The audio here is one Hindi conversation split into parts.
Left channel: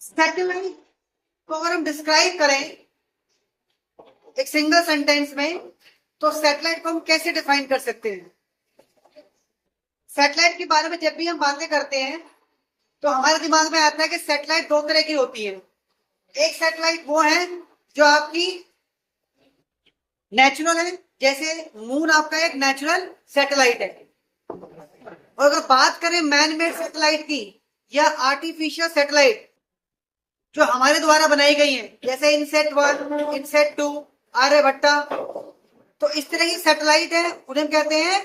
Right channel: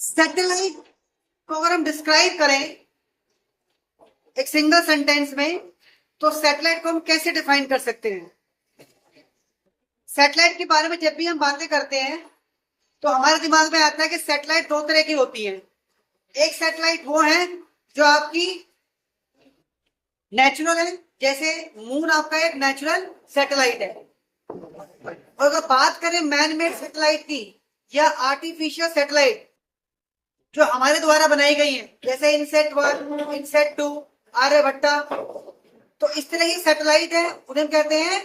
सैटेलाइट को अगर हम डिस्क्राइब करें एक सिंगल सेंटेंस में, तो सैटेलाइट को हम कैसे डिफाइन कर सकते हैं? सैटेलाइट के बारे में जब भी हम बातें करते हैं तो हमारे दिमाग में आता है कि सैटेलाइट दो तरह की होती है। एक सैटेलाइट वो है जो आपकी नेचुरल है, जैसे मून आपका एक नेचुरल सैटेलाइट है। और अगर बात करें मैन मेड सैटेलाइट की या आर्टिफिशियल सैटेलाइट जो हमारे द्वारा बनाई गई है, जैसे इनसेट 1, इनसेट 2, आर्यभट्टा, तो इस तरह की सैटेलाइट है, उन्हें कहते हैं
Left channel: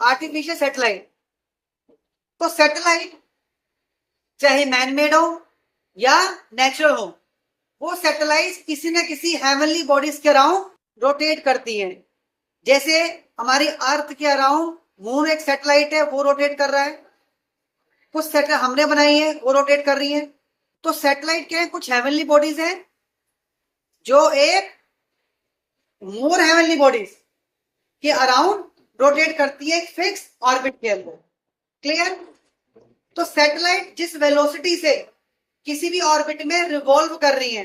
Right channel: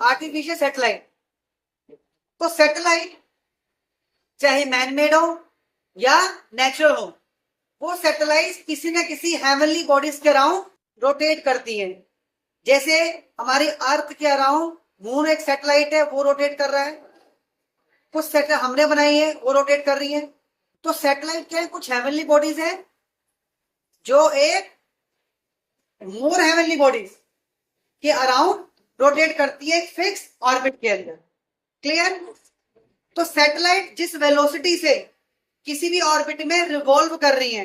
आर्टिफिशियल सैटेलाइट। तो सैटेलाइट चाहे मैनमेड हो या नेचुरल हो, वो सैटेलाइट किसी न किसी हेवनली बॉडीज के अराउंड रोटेट करती हैं। जैसे हमारी अर्थ के अराउंड मून एक सैटेलाइट है, वो रोटेट कर रहा है। कुछ सैटेलाइट हमने बनाई है, वो रोटेट कर रही है। तो सैटेलाइट क्या है? कुछ हेवनली बॉडीज है जो एक मोर हेवनली बॉडीज के अराउंड रोटेट करती है एक फिक्स ऑर्बिट के अंदर। क्लियर? तो सैटेलाइट जिस वेलोसिटी से किसी भी ऑर्बिट में रिवॉल्व कर रही है,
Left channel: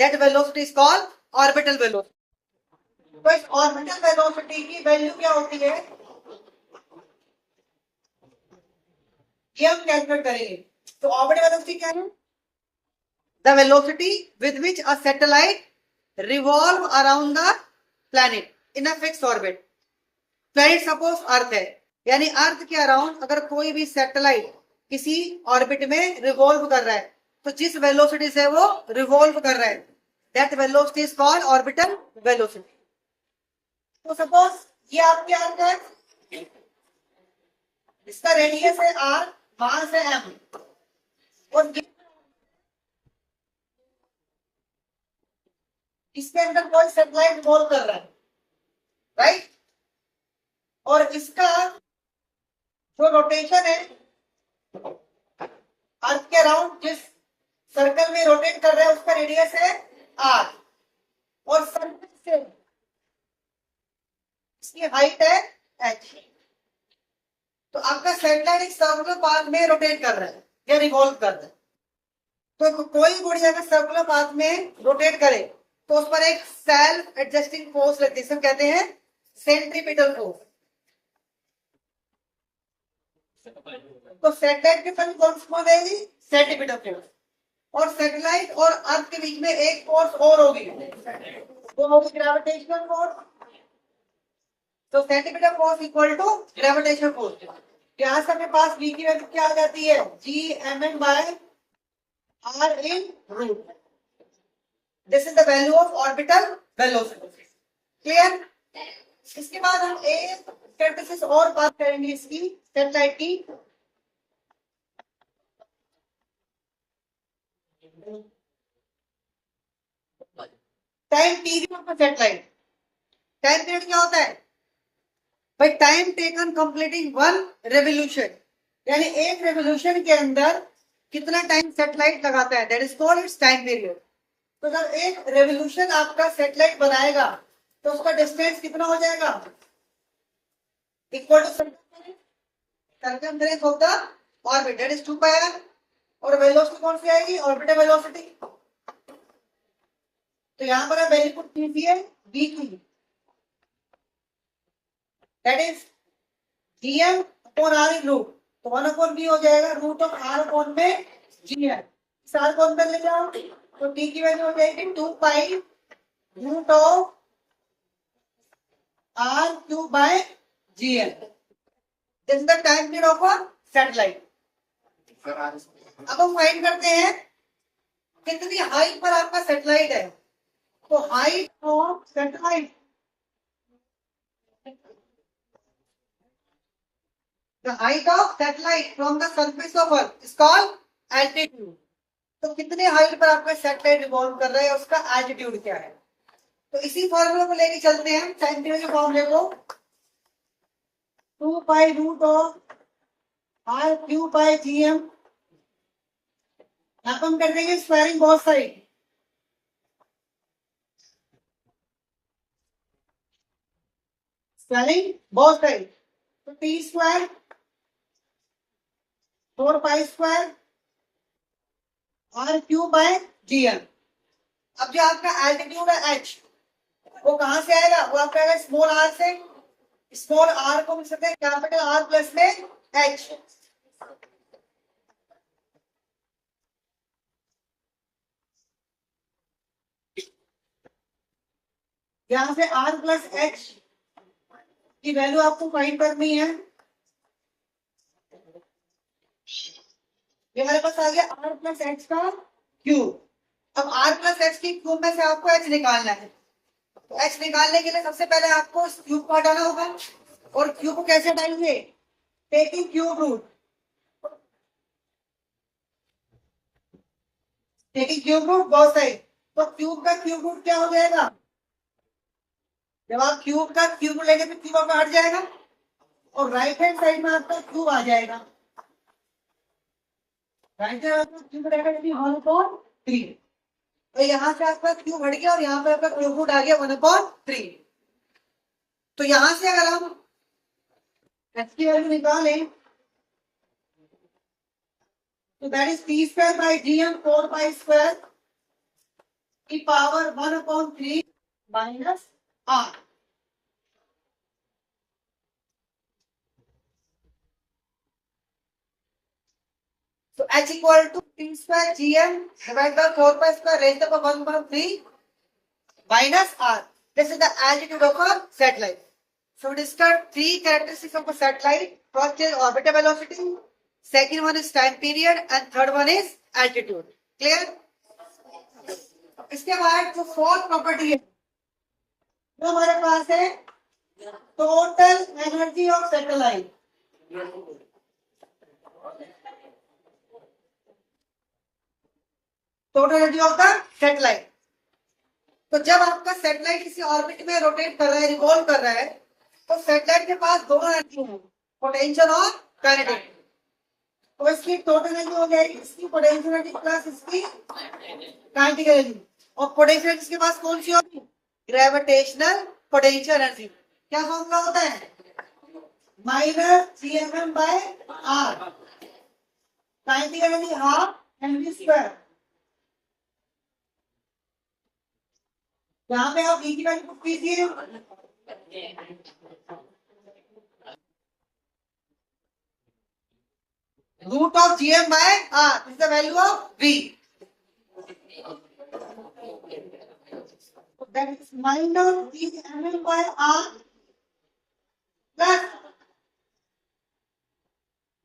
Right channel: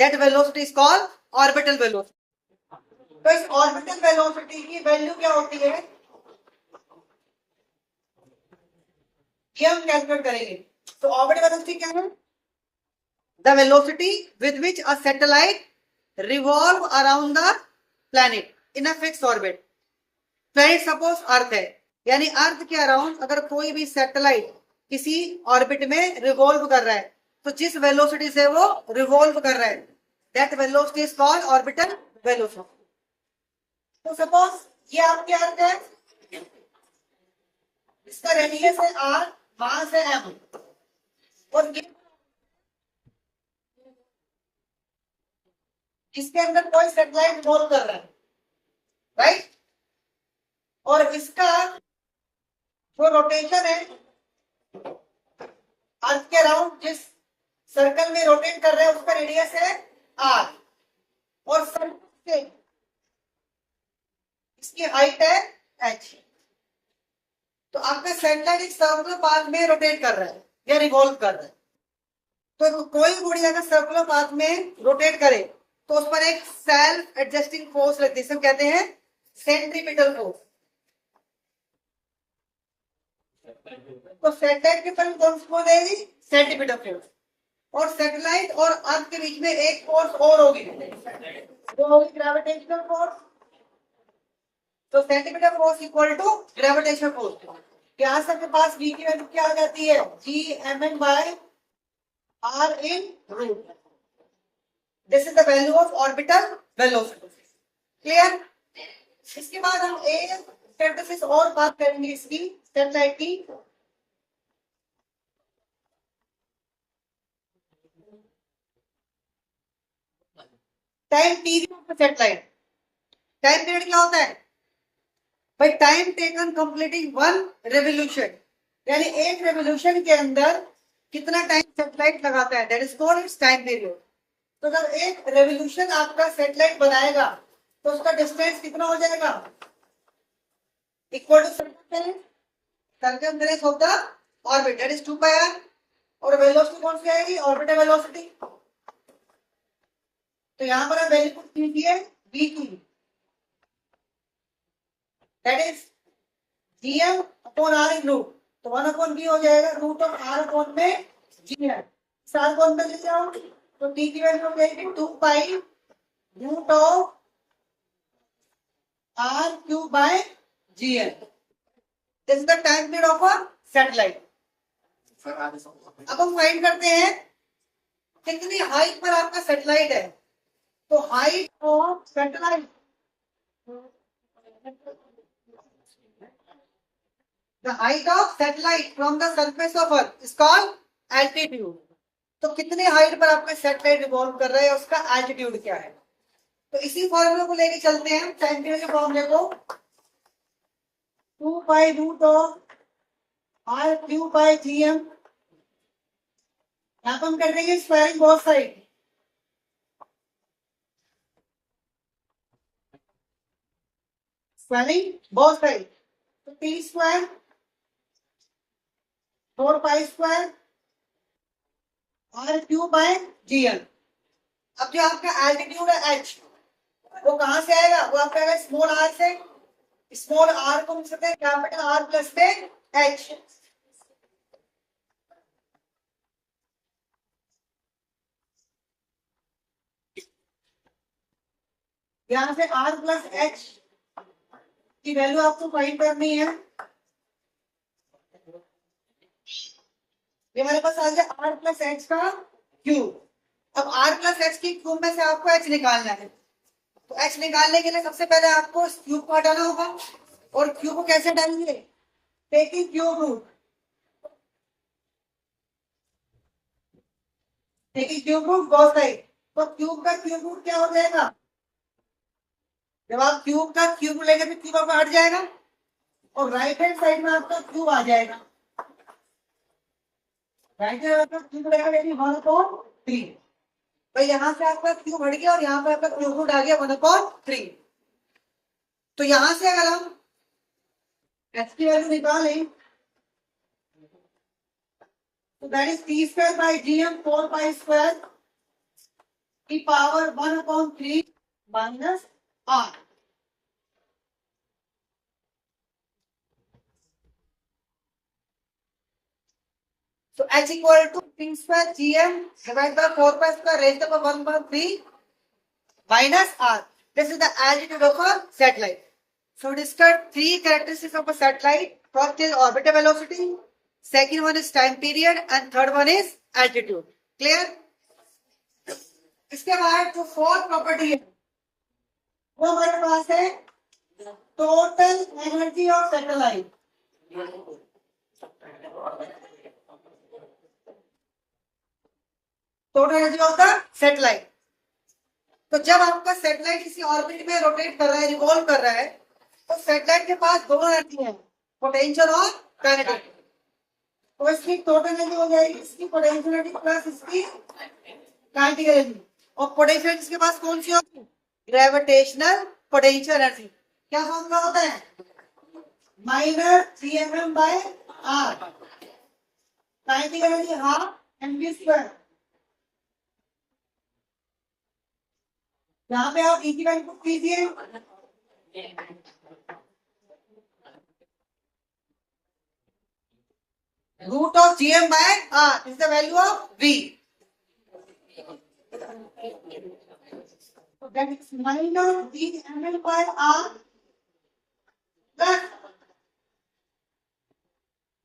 that velocity is called orbital velocity. तो इस ऑर्बिटल वेलोसिटी की वैल्यू क्या होती है, ये हम कैलकुलेट करेंगे। तो ऑर्बिटल वेलोसिटी क्या है? The velocity with which a satellite revolve around the planet in a fix orbit. Planet suppose earth है, यानी अर्थ के अराउंड अगर कोई भी सैटेलाइट किसी ऑर्बिट में रिवॉल्व कर रहा है, तो जिस वेलोसिटी से वो रिवॉल्व कर रहा है, that velocity is called orbital velocity. तो सपोज ये आपके अर्थ है, इसका रेडियस है r, मास है m, और इसके अंदर कोई सैटेलाइट रिवॉल्व कर रहा है, राइट? और इसका जो रोटेशन है अर्थ के अराउंड जिस सर्कल में रोटेट कर रहा है, उसका रेडियस है r, और सर्कल से इसकी हाइट है h। तो आपका सैटेलाइट एक सर्कुलर पाथ में रोटेट कर रहा है या रिवॉल्व कर रहा है। तो कोई बॉडी अगर सर्कुलर पाथ में रोटेट करे तो उस पर एक सेल्फ एडजस्टिंग फोर्स लगती है, जिसे कहते हैं सेंट्रीपिटल फोर्स। तो सैटेलाइट के पर कौन सी फोर्स आएगी? Centripetal force. और सैटेलाइट और अर्थ के बीच में एक फोर्स और होगी, वो होगी ग्रेविटेशनल फोर्स। तो centripetal force equal to gravitational force. यहाँ से अपने पास v की वैल्यू क्या आ जाती है? Gmn by r in root. This is the value of orbital velocity. Clear? इसके बाद हम एक स्टैटिस्टिक्स और बात करेंगे इसकी सैटेलाइट की। Time period of satellite. Time period क्या होता है भाई? Time taken completing one revolution, यानी एक रेवोल्यूशन के अंदर कितना टाइम सैटेलाइट लगाता है, that is called its time period. तो जब एक रेवोल्यूशन आपका सैटेलाइट बनाएगा तो उसका डिस्टेंस कितना हो जाएगा? Equal to circumference of the orbit, that is 2πr। और वेलोसिटी कौन सी आएगी? Orbital velocity. तो यहां पर आप वैल्यू पुट कीजिए v की, that is gm upon r in root. तो 1 अपॉन v हो जाएगा रूट ऑफ r अपॉन में gm। सार कौन में ले जाओ तो t की वैल्यू हो जाएगी 2π root of r cube by gm। This is the time period of a satellite. अब हम फाइंड करते हैं कितनी हाइट पर आपका सैटेलाइट है। तो height of satellite, the height of satellite from the surface of earth is called altitude। तो कितने हाइट पर आपका सैटेलाइट रिवॉल्व कर रहा है, उसका एल्टीट्यूड क्या है। तो इसी फॉर्मूला को लेके चलते हैं टाइम पीरियड के फॉर्मूले को। 2π root of r cube by gm। यहां पर हम कर देंगे squaring both side. Squaring both side, तो t square 4π square R cube by G M. अब जो आपका एल्टीट्यूड है एच, वो कहां से आएगा? वो आपका आएगा स्मॉल आर से। स्मॉल आर को मिल सकते हैं कैपिटल आर प्लस में एच। यहां से आर प्लस एच की वैल्यू आपको फाइंड करनी है। ये हमारे पास आ गया आर प्लस एच का क्यूब। अब आर प्लस एच की क्यूब में से आपको एच निकालना है। तो एच निकालने के लिए सबसे पहले आपको इस क्यूब को हटाना होगा। और क्यूब को कैसे हटाएंगे? Taking cube root. Taking cube root both side. तो क्यूब का क्यूब रूट क्या हो जाएगा? जब आप क्यूब का क्यूब लेंगे तो क्यूब आपका हट जाएगा और राइट हैंड साइड में आपका क्यूब आ जाएगा। राइट हैंड आपका क्यूब रहेगा यानी 1/3। तो यहाँ से आपका क्यूब हट गया और यहाँ पे आपका क्यूब रूट आ गया 1/3। तो यहां से अगर हम एच की वैल्यू निकालें तो that is T square by G M 4 pi square की power 1/3 minus R. So h equal to t square gm divided by 4 pi square raised to the power 1/3 minus r. This is the altitude of a satellite. So discuss three characteristics of a satellite. First is orbital velocity, second one is time period, and third one is altitude. Clear? इसके बाद जो फोर्थ प्रॉपर्टी है वो हमारे पास है total energy of satellite. Total energy of the satellite. तो जब आपका सैटेलाइट किसी ऑर्बिट में रोटेट कर रहा है, रिवॉल्व कर रहा है, तो सैटेलाइट के पास दोनों एनर्जी है, पोटेंशियल और काइनेटिक। तो इसकी टोटल एनर्जी हो जाएगी इसकी पोटेंशियल एनर्जी प्लस इसकी काइनेटिक एनर्जी। और पोटेंशियल इसके पास कौन सी होगी? Gravitational potential energy. क्या फॉर्मूला होता है? Minus GMM by R. Kinetic energy half MV square. यहाँ पे आप ई की वैल्यू पुट कीजिए। Root of GM by R is the value of V. That is minus Gml by R plus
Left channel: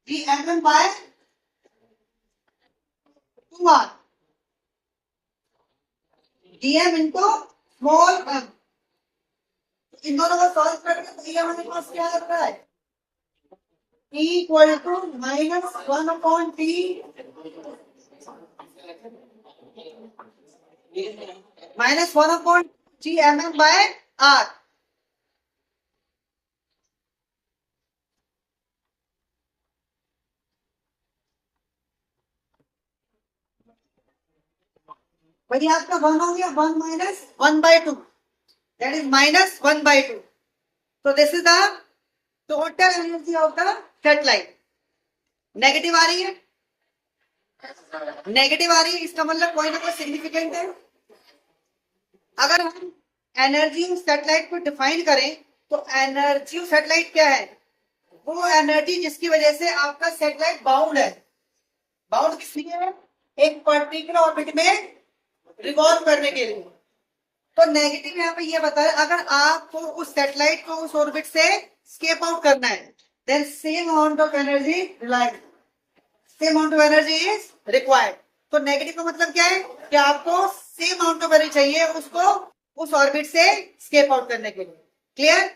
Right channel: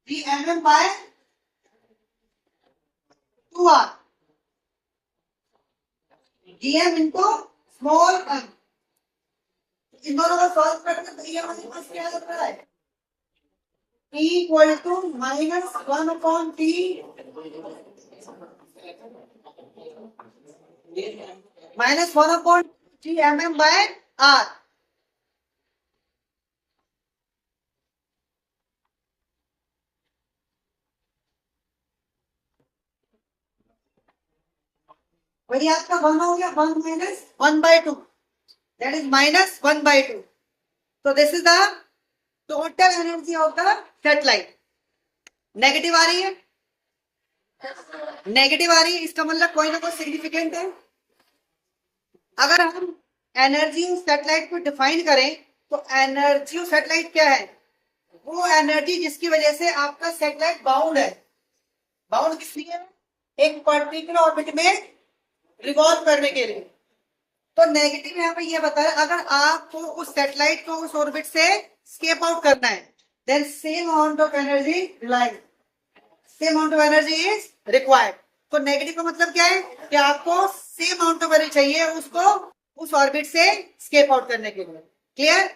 Gml by 2R. Gm into small m. इन दोनों को सॉल्व करके तो ये हमारे पास क्या लग रहा है? T equal to -1/T -1/Gmm by R। वही आपका 1 हो गया, 1 माइनस 1/2, दैट इज -1/2। तो this is the total energy of the satellite. Negative आ रही है, नेगेटिव आ रही है, इसका मतलब कोई ना कोई सिग्निफिकेंट है। अगर हम एनर्जी सैटेलाइट को डिफाइन करें तो एनर्जी सैटेलाइट क्या है? वो एनर्जी जिसकी वजह से आपका सैटेलाइट बाउंड है। बाउंड किस लिए है? एक पर्टिकुलर ऑर्बिट में रिवॉल्व करने के लिए। तो नेगेटिव यहाँ पे ये बता रहा है, अगर आपको उस सैटेलाइट को उस ऑर्बिट से स्केप आउट करना है, then same amount of energy release, same amount of energy is required. तो नेगेटिव का मतलब क्या है कि आपको सेम अमाउंट ऑफ एनर्जी चाहिए उसको उस ऑर्बिट से स्केप आउट करने के लिए। क्लियर?